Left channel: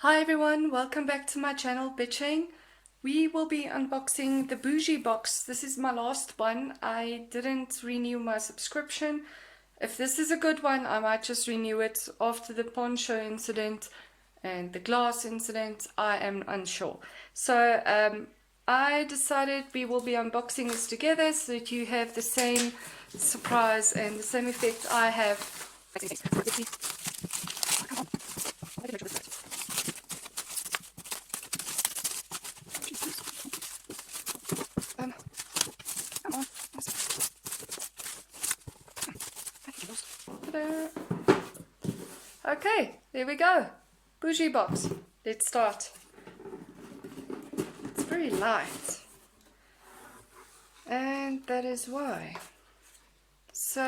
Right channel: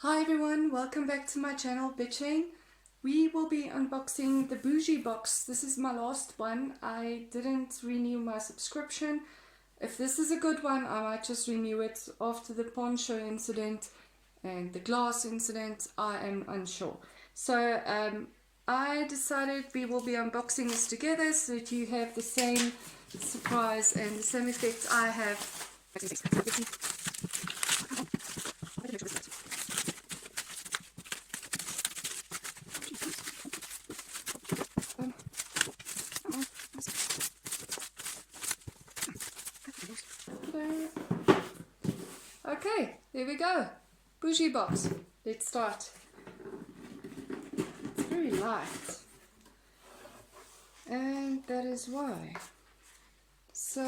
Hi everyone, welcome back to my channel Bitching. We will be unboxing the Boujee box. This is my last one. I didn't renew my subscription. If this is a good one, I might just renew it after the pawn show incident and the glass incident. I am unsure. So I decided we will be unboxing this together so that you have the same surprise and the same effect I have. Okay, there we go. Boujee box. Let's start. It's very light. And that is why. So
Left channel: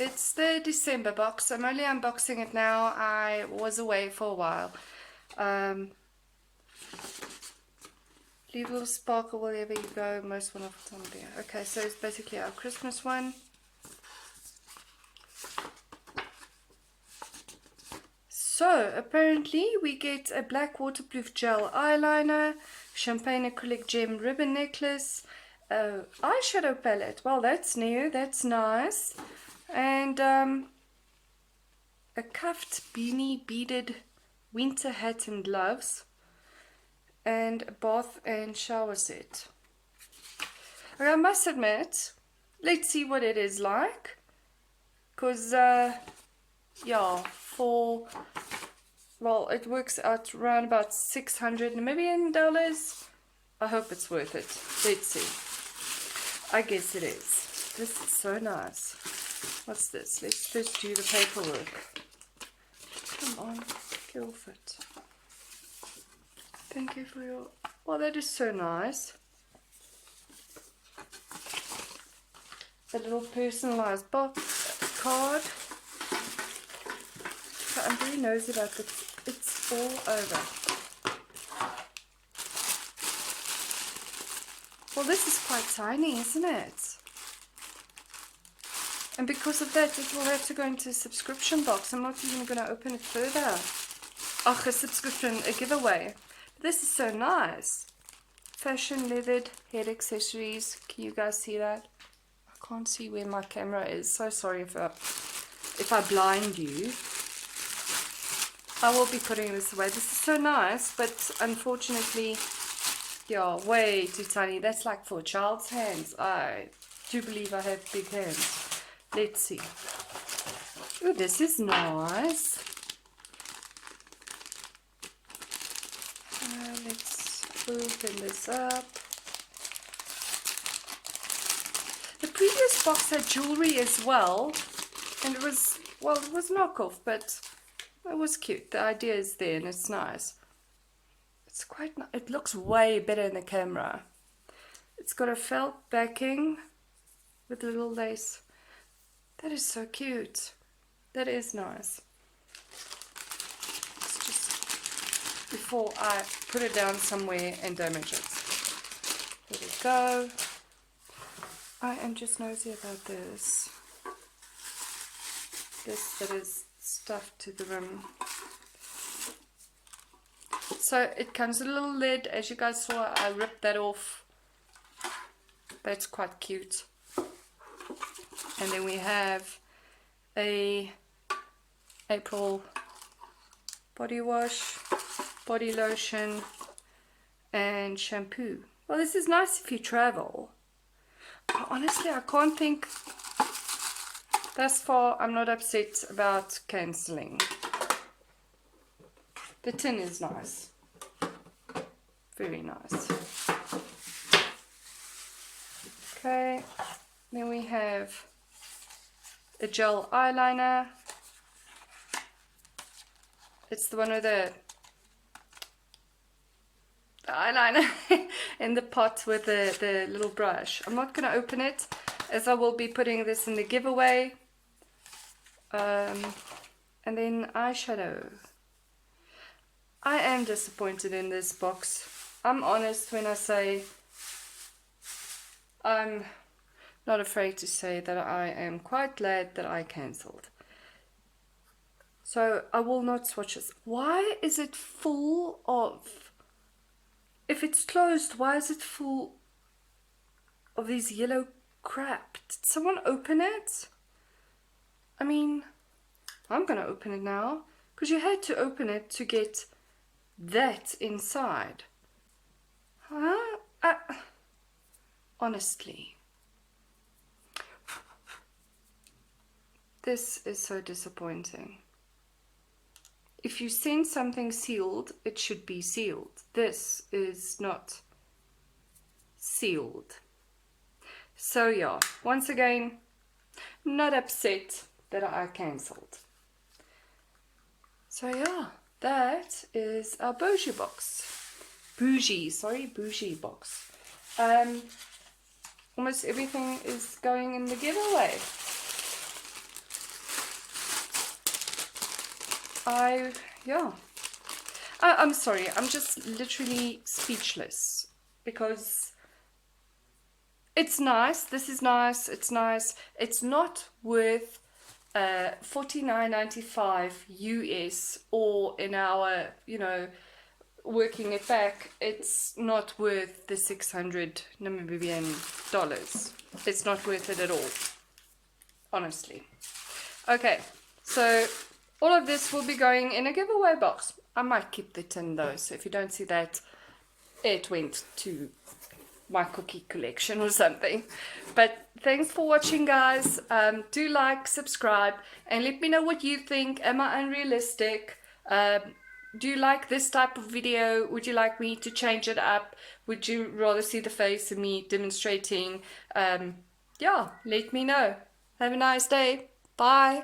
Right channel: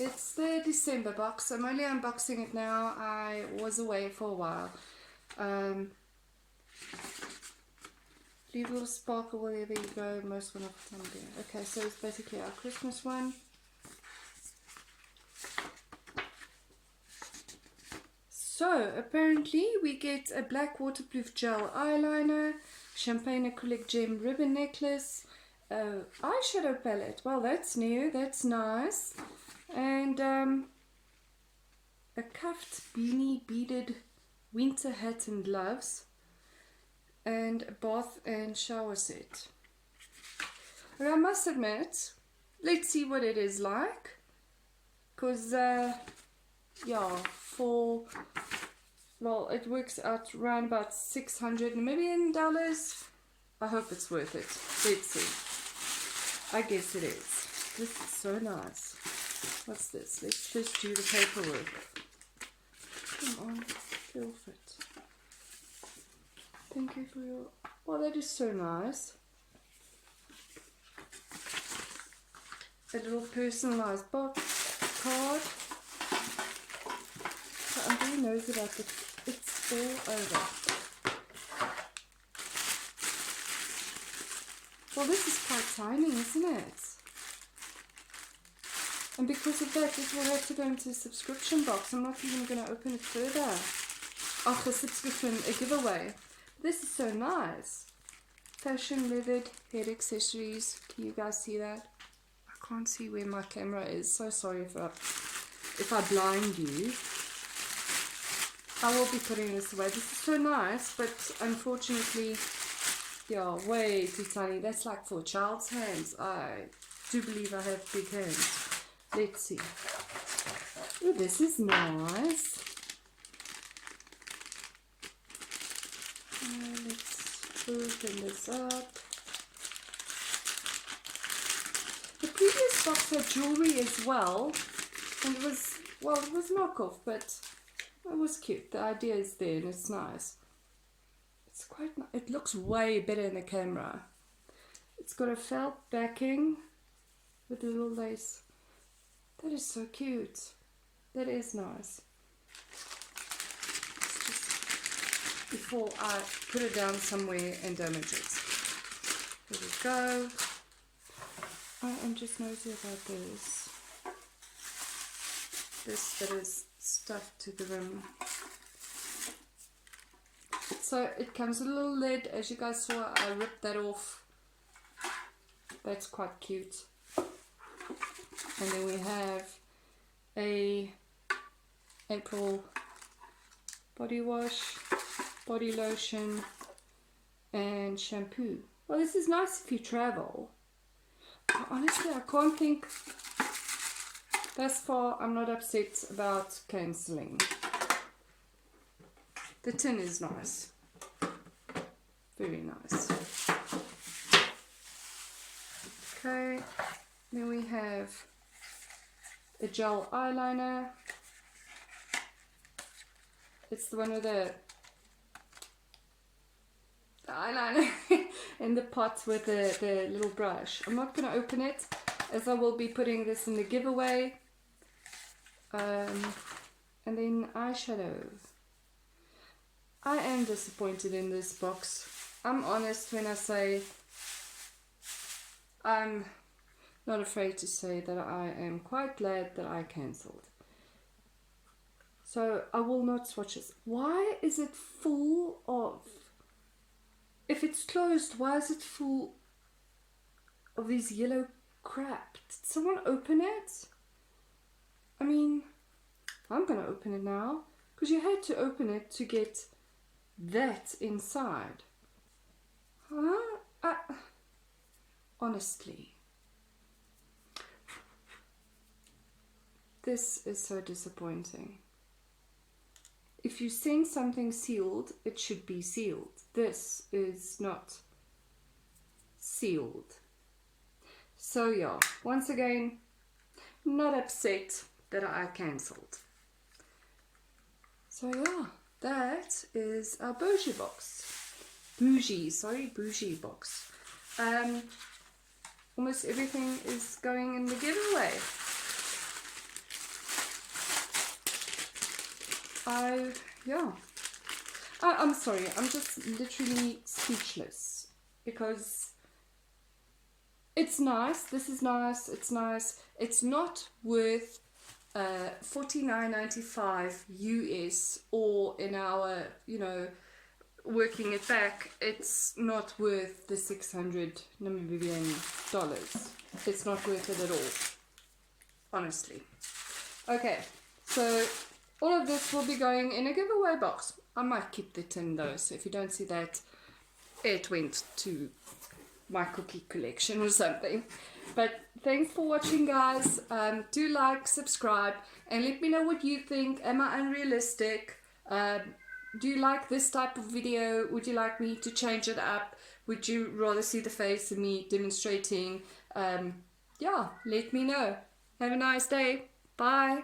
it's the December box. I'm only unboxing it now. I was away for a while. Leave a little sparkle wherever you go. Most one of the time there. Okay, so it's basically our Christmas one. So apparently we get a black waterproof gel eyeliner, champagne acrylic gem ribbon necklace, eyeshadow palette. Well, that's new, that's nice. And a cuffed beanie beaded winter hat and gloves, and a bath and shower set. I must admit, let's see what it is like, because yeah, for, well, it works out around about $600 million. I hope it's worth it. Let's see. I guess it is. This is so nice. What's this? Let's first do the paperwork. Come on, get off it. Thank you for your, well, that is so nice. A little personalized box card. I'm very nosy about it. It's all over. Well, this is quite tiny, isn't it? And because of that, it will have to go into a subscription box. I'm not even going to open it further. Oh, a subscription, a giveaway. This is so nice. Fashion leathered head accessories. Can you guys see that? I can't see where my camera is. So sorry if I blind you. I will be putting this away. This is so nice, but unfortunately, yeah, way too tiny. That's like for a child's hands. I do believe I have big hands. Let's see. Oh, this is nice. Let's open this up. The previous box had jewelry as well, and it was, well, it was knockoff, but it was cute. The idea is there and it's nice. It's quite, it looks way better in the camera. It's got a felt backing with a little lace. That is so cute. That is nice. It's just before I put it down somewhere and damage it. There we go. I am just nosy about this. This that is stuffed to the rim. So it comes with a little lid. As you guys saw, I ripped that off. That's quite cute. And then we have a April body wash, body lotion, and shampoo. Well, this is nice if you travel. But honestly, I can't think. Thus far, I'm not upset about cancelling. The tin is nice. Very nice. Okay, then we have a gel eyeliner. It's the one with the eyeliner in the pot with the little brush. I'm not going to open it, as I will be putting this in the giveaway. And then eyeshadow. I am disappointed in this box. I'm honest when I say I'm not afraid to say that I am quite glad that I cancelled. So I will not swatch this. Why is it full of... If it's closed, why is it full of these yellow crap? Did someone open it? I mean, I'm gonna open it now. Because you had to open it to get that inside. Huh? Honestly. This is so disappointing. If you send something sealed, it should be sealed. This is not sealed. So yeah, once again, not upset that I cancelled. So yeah, that is our Boujee box. Boujee box. Almost everything is going in the giveaway. I'm sorry, I'm just literally speechless because it's nice. This is nice. It's nice. It's not worth $49.95 US, or in our, working it back, it's not worth the 600 Namibian dollars. It's not worth it at all, honestly. Okay, so all of this will be going in a giveaway box. I might keep the tin though, so if you don't see that, it went to my cookie collection or something. But thanks for watching, guys. Do like, subscribe, and let me know what you think. Am I unrealistic? Do you like this type of video? Would you like me to change it up? Would you rather see the face of me demonstrating? Yeah, let me know. Have a nice day. Bye.